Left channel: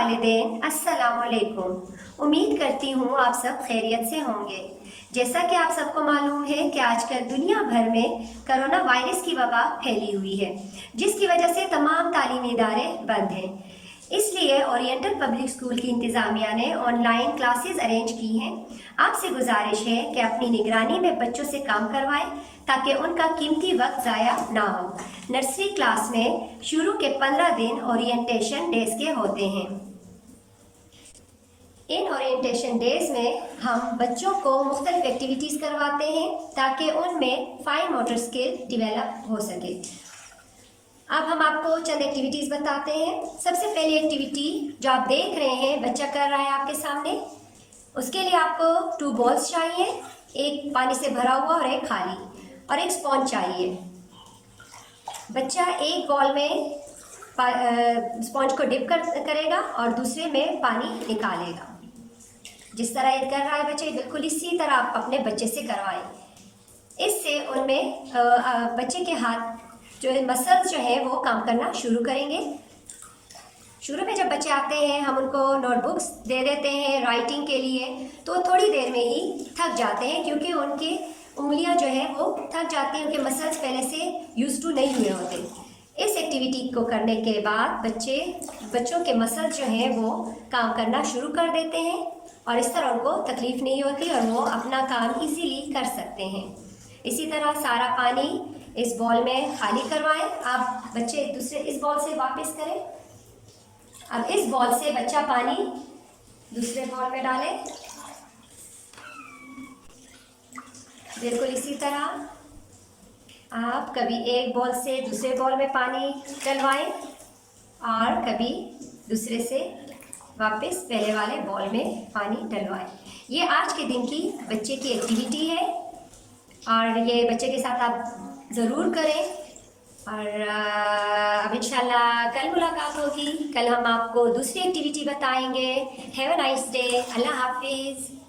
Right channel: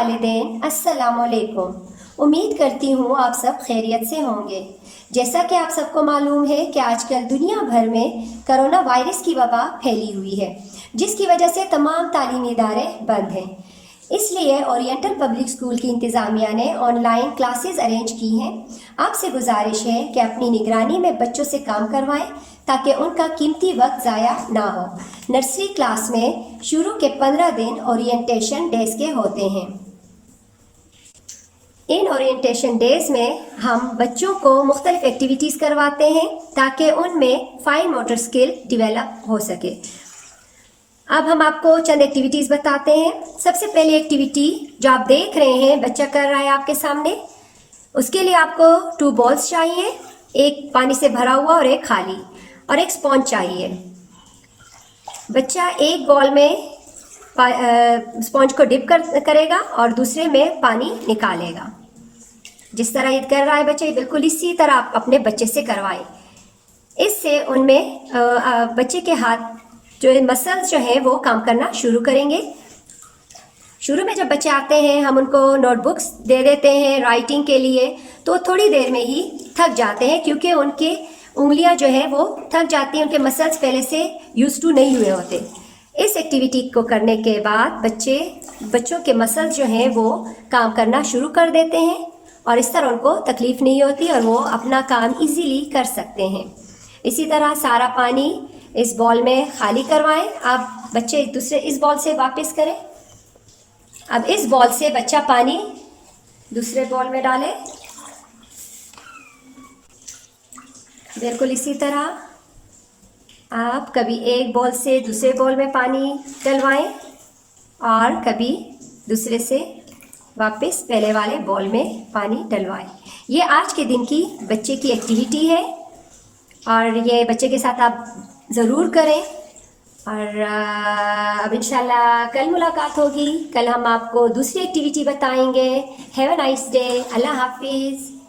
वालिदैन, अस्सलामुअलैकुम। उम्मीद करती हूँ आप सब खैरियत से होंगे। जैसा कि आप सबको मालूम है कि आजकल दुनिया भर में कोरोना वायरस की वबा फैली हुई है, जिसकी वजह से तमाम तालीमी इदारे बंद हैं। इसलिए ओरिएंटल पब्लिक स्कूल की इंतज़ामिया ने ऑनलाइन क्लासेस अरेंज की हैं। आपसे गुजारिश है कि अपनी निगरानी में बच्चों से काम करवाएं ताकि उनका कीमती वक्त ज़ाया ना हो। नर्सरी क्लास में शुरू के 15 दिन ओरिएंटेशन डेज के होते हैं। इन ओरिएंटेशन डेज में हम बच्चों को मुख्तलिफ एक्टिविटीज़ करवाते हैं ताकि उनमें फाइन मोटर स्किल डेवलप हो सके। अब हम आपको चंद एक्टिविटीज़ बताते हैं। सबसे पहली एक्टिविटी जो आप देख रहे हैं बच्चा कर रहा है आपके सामने, उसके लिए आपको 2 बॉल्स चाहिए, एक पानी से भरा हुआ और एक खाली, और एक स्पॉन्ज चाहिए। बच्चा एक बॉल में स्पॉन्ज को डिप करेगा और दूसरे में पानी निकालेगा। जिस तरह ये कर रहा है बच्चे, बिल्कुल इसी तरह आप अपने बच्चे से करवाएं। इससे उनमें बच्चे के हाथ जो मसल्स जो है वो काम करना शुरू करेंगे। शुरू में जब बच्चे आते हैं हम उनको नोटबुक्स दे देते हैं राइटिंग के लिए, तो थोड़ी देर में ही थक जाते हैं क्योंकि उनके उंगलियां जो है वो थक जाती हैं, उनके मसल्स पहले से यूज टू नहीं हुए होते। इस एक्टिविटी को करने के बाद बच्चों के मसल्स जो हैं वो काम करना शुरू कर देते हैं और इस तरह उनको तकलीफ़ नहीं होती और वो अपना काम इजीली कर सकते हैं। इसी तरह सारा पानी इस बॉल में खाली करवाएं। आप बच्चे दूसरे इस बॉल से वापस करें। अब इस बॉल से बच्चा पानी दूसरे बॉल में डालें। बिल्कुल इसी तरह आप कभी एक बॉल से दूसरे बॉल में पानी डलवाएं और कभी दूसरे से वापस पहले वाले बॉल में पानी डलवाएं। ये आज के दिन की बच्चे की एक्टिविटी है और ये बच्चे के साथ आप ज़रूर करें। और अब इंशाल्लाह कल मुलाकात होगी। कल हम आपको दूसरी एक्टिविटी बताएंगे। Have a nice day. अल्लाह हाफिज़।